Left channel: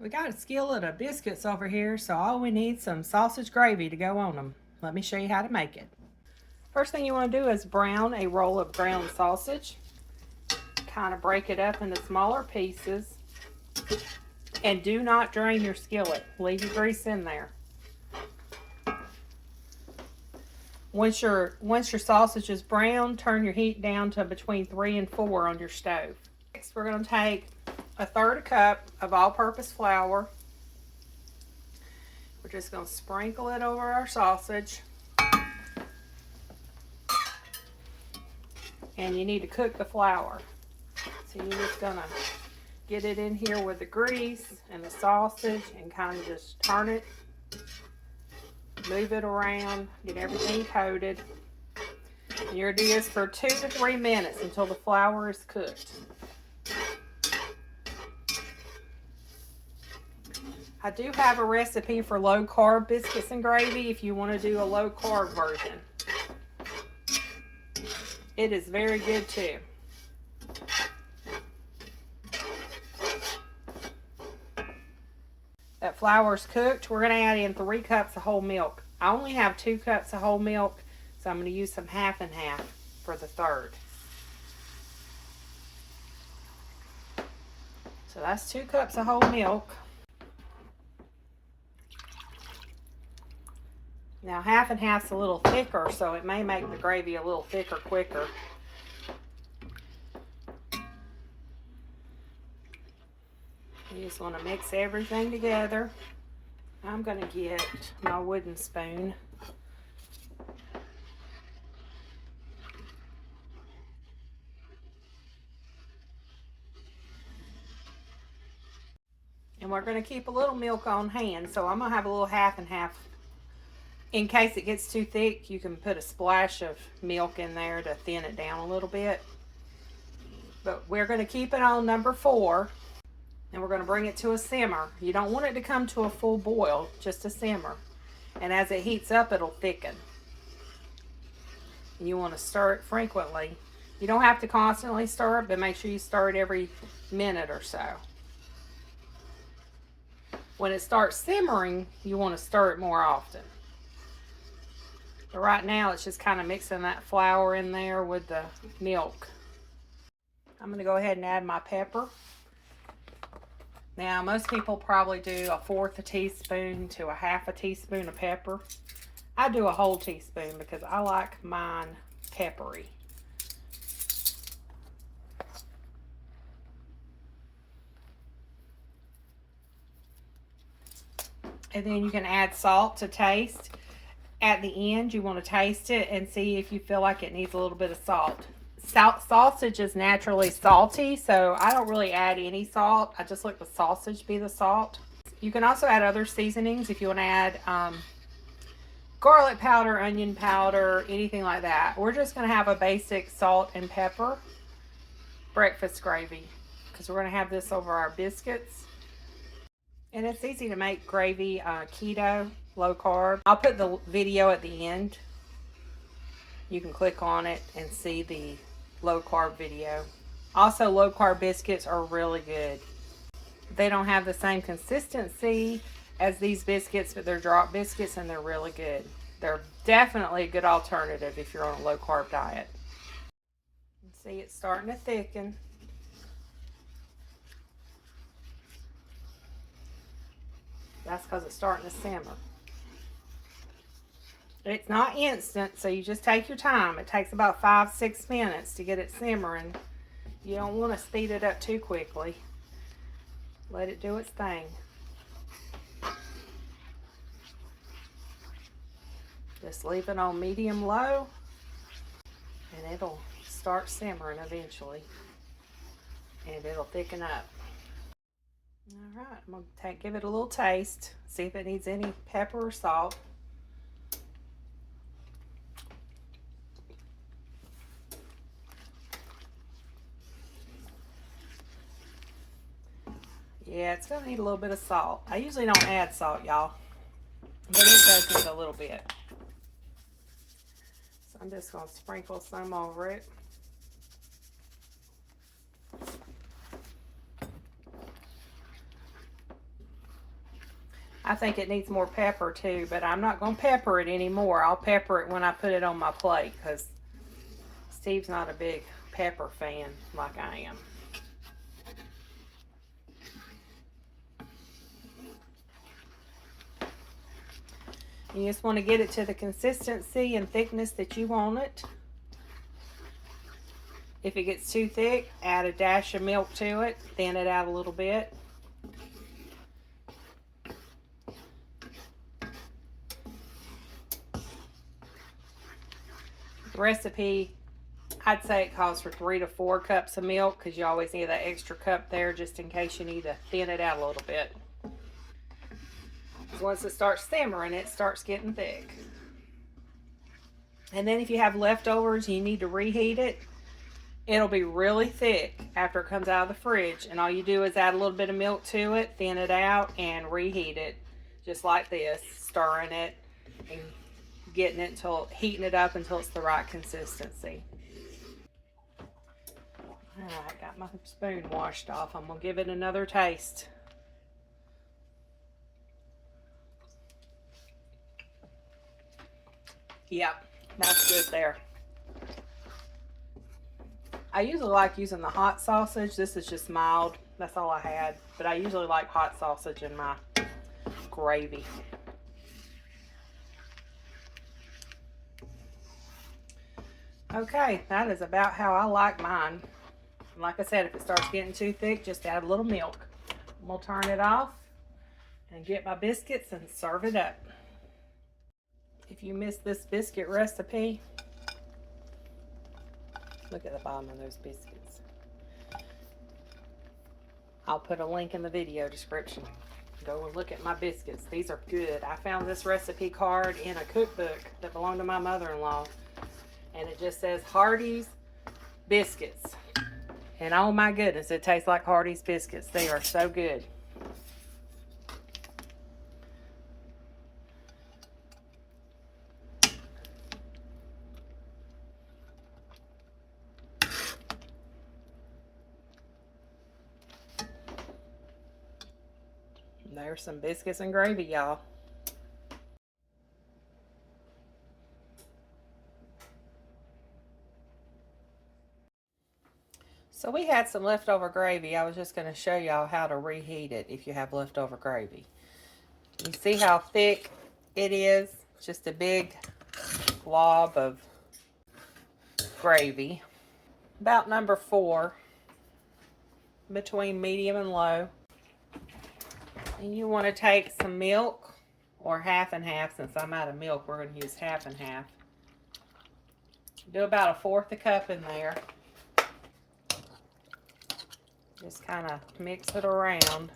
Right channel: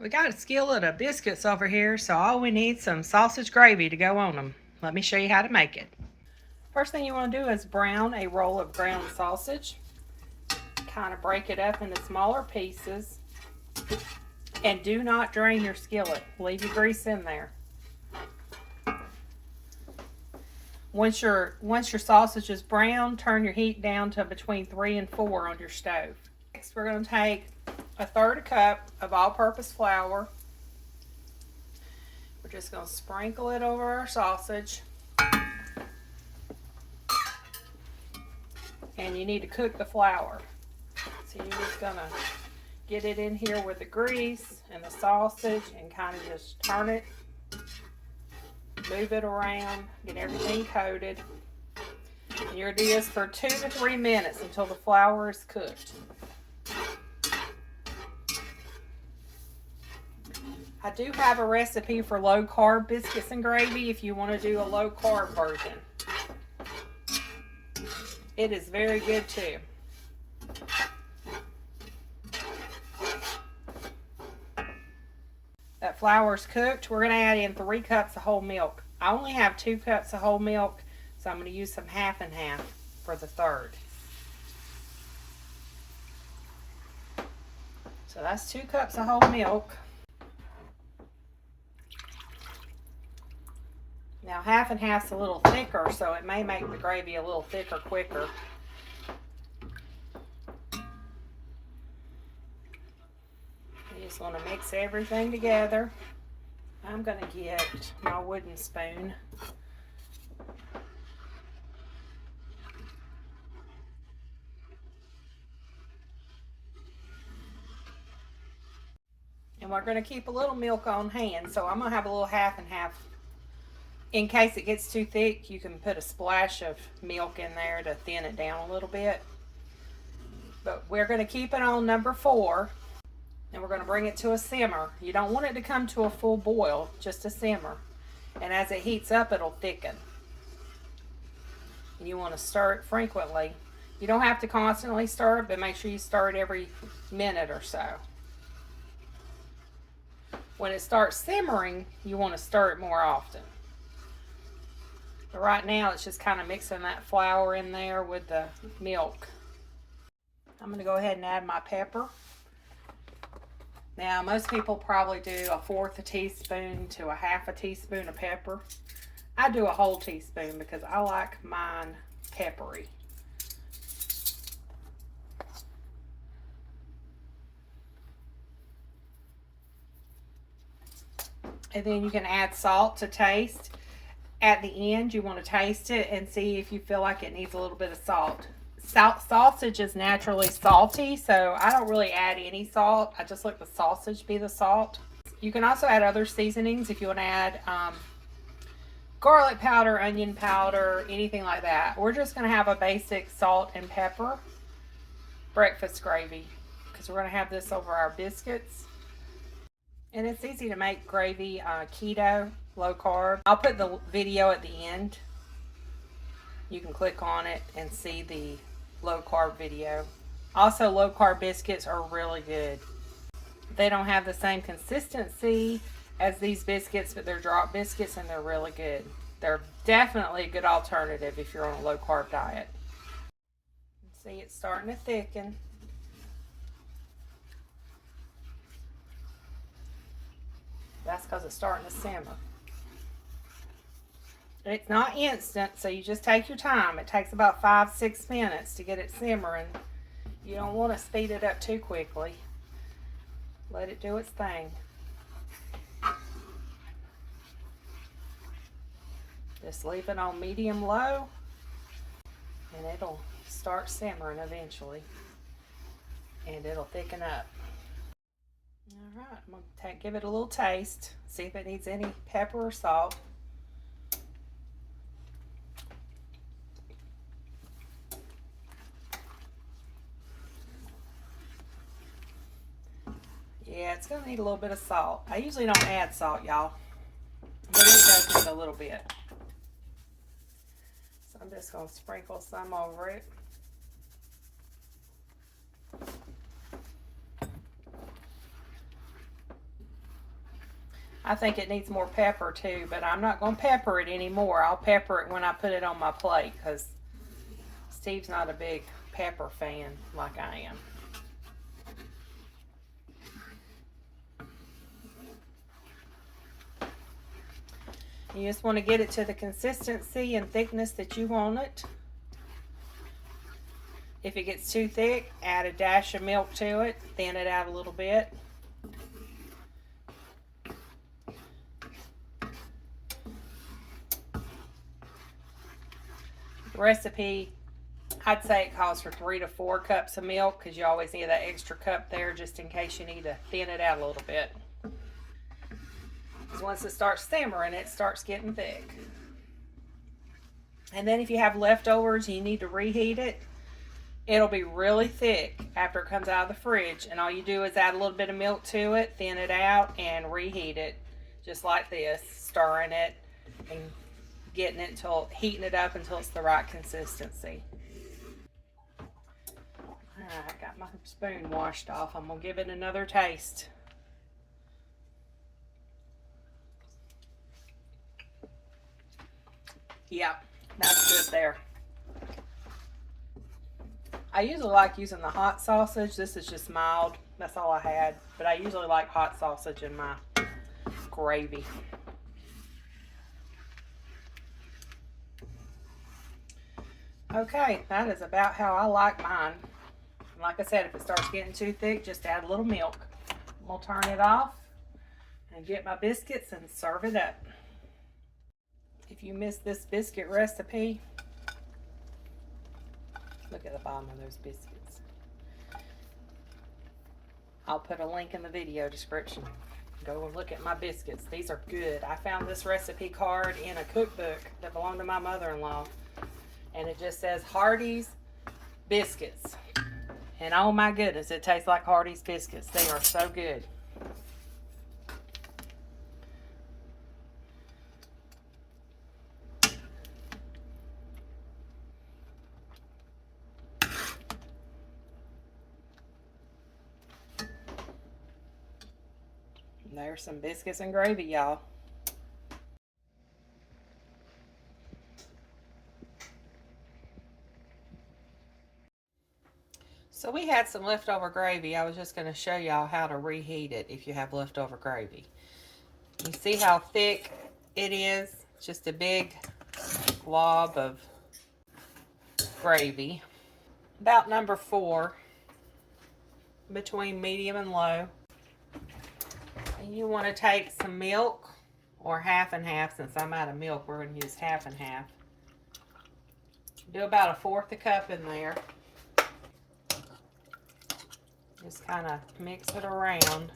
We got a skillet of biscuits over here, so all we need is some sausage gravy to go on them. Let me show you how to make it. First thing you want to do is brown a roll of ground sausage. Kind of break it up into smaller pieces. And do not drain your skillet. Leave your grease in there. Once your sausage is brown, turn your heat down to between 3 and 4 on your stove. Next, we're going to take a 1/3 cup of all-purpose flour. We're just going to sprinkle it over our sausage. And you need to cook the flour. So you're just going to get it in here with the grease and the sausage and kind of just turn it. Move it around, get everything coated. And you're going to do this for 2 to 3 minutes until the flour is cooked. I do have a recipe for low carb biscuits and gravy if you want to do a low carb version. It is very good too. That flour is cooked. We're going to add in 3 cups of whole milk. I only have 2 cups of whole milk, so I'm going to use some half and half for the third. So that's 2 cups of whole milk. Now half and half's a little thicker, so it may make the gravy a little thicker quicker. You just want to mix everything together. I'm going to get my wooden spoon. And we're going to keep a little milk on hand, so I'm going to have a little half and half. In case it gets too thick, you can put a splash of milk in there to thin it down a little bit. But we're going to keep it on number 4. And we're going to bring it to a simmer. You don't want it to come to a full boil, just a simmer. And as it heats up, it'll thicken. You want to stir it frequently. You don't have to constantly stir it, but make sure you stir it every minute or so. When it starts simmering, you want to stir it more often. But right now, it's just kind of mixing that flour in there with the milk. I'm going to go ahead and add my pepper. Now, most people probably do 1/4 teaspoon to 1/2 teaspoon of pepper. I do a whole teaspoon because I like mine peppery. And then you can add salt to taste. At the end, you want to taste it and see if you feel like it needs a little bit of salt. Sausage is naturally salty, so I don't really add any salt. I just let the sausage be the salt. You can also add other seasonings if you want to add garlic powder, onion powder, anything like that. We're just going to have a basic salt and pepper breakfast gravy because we're going to have this over our biscuits. And it's easy to make gravy keto, low carb. I'll put the video at the end. You can click on it and see the low carb video. Also, low carb biscuits are really good. They don't have the same consistency as these biscuits, but they're drop biscuits and they're really good. They're definitely a good alternative if you're on a low carb diet. See, it's starting to thicken. That's because it's starting to simmer. It's not instant, so you just take your time. It takes about 5-6 minutes to get it simmering. You don't want to speed it up too quickly. Let it do its thing. Just leave it on medium-low, and it'll start simmering eventually. And it'll thicken up. Alright, I'm going to give it a little taste. See if it needs any pepper or salt. Yeah, it's going to need a little bit of salt. I usually don't add salt, y'all, but it does need a little bit. So I'm just going to sprinkle some over it. I think it needs more pepper too, but I'm not going to pepper it anymore. I'll pepper it when I put it on my plate because Steve's not a big pepper fan like I am. You just want to get it to the consistency and thickness that you want it. If it gets too thick, add a dash of milk to it, thin it out a little bit. The recipe, I'd say it calls for 3 to 4 cups of milk because you always need that extra cup there just in case you need to thin it out a little bit. Because once it starts simmering, it starts getting thick. And then if you have leftovers and you need to reheat it, it'll be really thick after it comes out of the fridge. And all you do is add a little bit of milk to it, thin it out, and reheat it just like this, stirring it and getting it until, heating it up until it's the right consistency. Alright, got my spoon washed off. I'm gonna give it another taste. Yep, that's good there. I usually like using the hot sausage. This is just mild. That's all I had. But I usually like hot sausage in my gravy. Okay, that is about how I like mine. And like I said, if it starts getting too thick, just add a little milk. We'll turn it off and get my biscuits and serve it up. If you missed this biscuit recipe, look at the bottom of those biscuits. I'll put a link in the video description. Go and look at my biscuits. These are good. I found this recipe card in a cookbook that belonged to my mother-in-law. And it just says Hardee's biscuits. And oh my goodness, it tastes like Hardee's biscuits. They are so good. There's some biscuits and gravy, y'all. So we had some leftover gravy. I was just going to show y'all how to reheat it if you have leftover gravy. You see how thick it is? Just a big glob of gravy. About number 4, between medium and low. And you want to take some milk, or half and half. Since I'm out of milk, we're going to use half and half. Do about 1/4 a cup in there. Just kind of mix it around.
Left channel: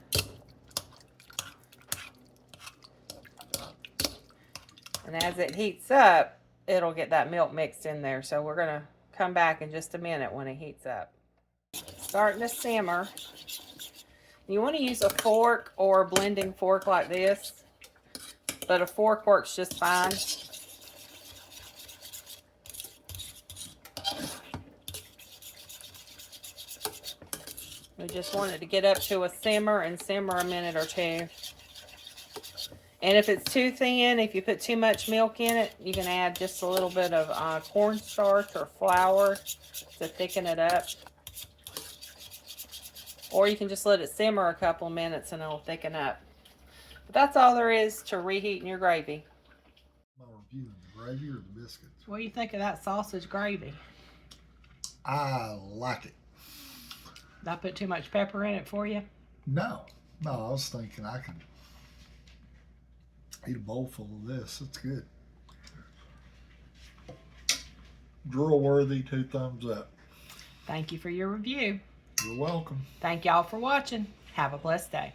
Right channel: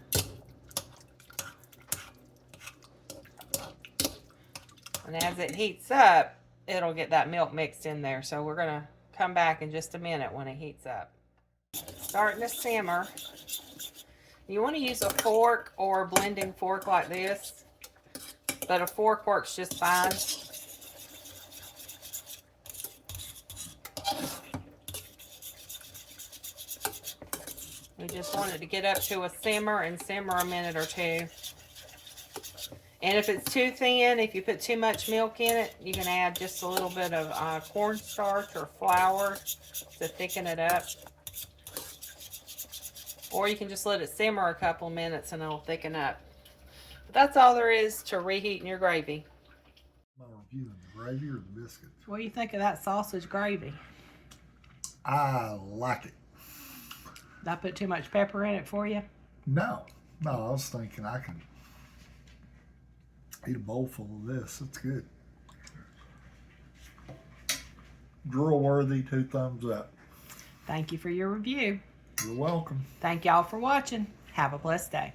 And as it heats up, it'll get that milk mixed in there. So we're going to come back in just a minute when it heats up. Starting to simmer. You want to use a fork or a blending fork like this, but a fork works just fine. We just want it to get up to a simmer and simmer a minute or 2. And if it's too thin, if you put too much milk in it, you can add just a little bit of cornstarch or flour to thicken it up. Or you can just let it simmer a couple minutes and it'll thicken up. But that's all there is to reheating your gravy. My review, the gravy or the biscuits? What do you think of that sausage gravy? I like it. Did I put too much pepper in it for you? No, I was thinking I could eat a bowl full of this. It's good. Drool-worthy, 2 thumbs up. Thank you for your review. You're welcome. Thank y'all for watching. Have a blessed day.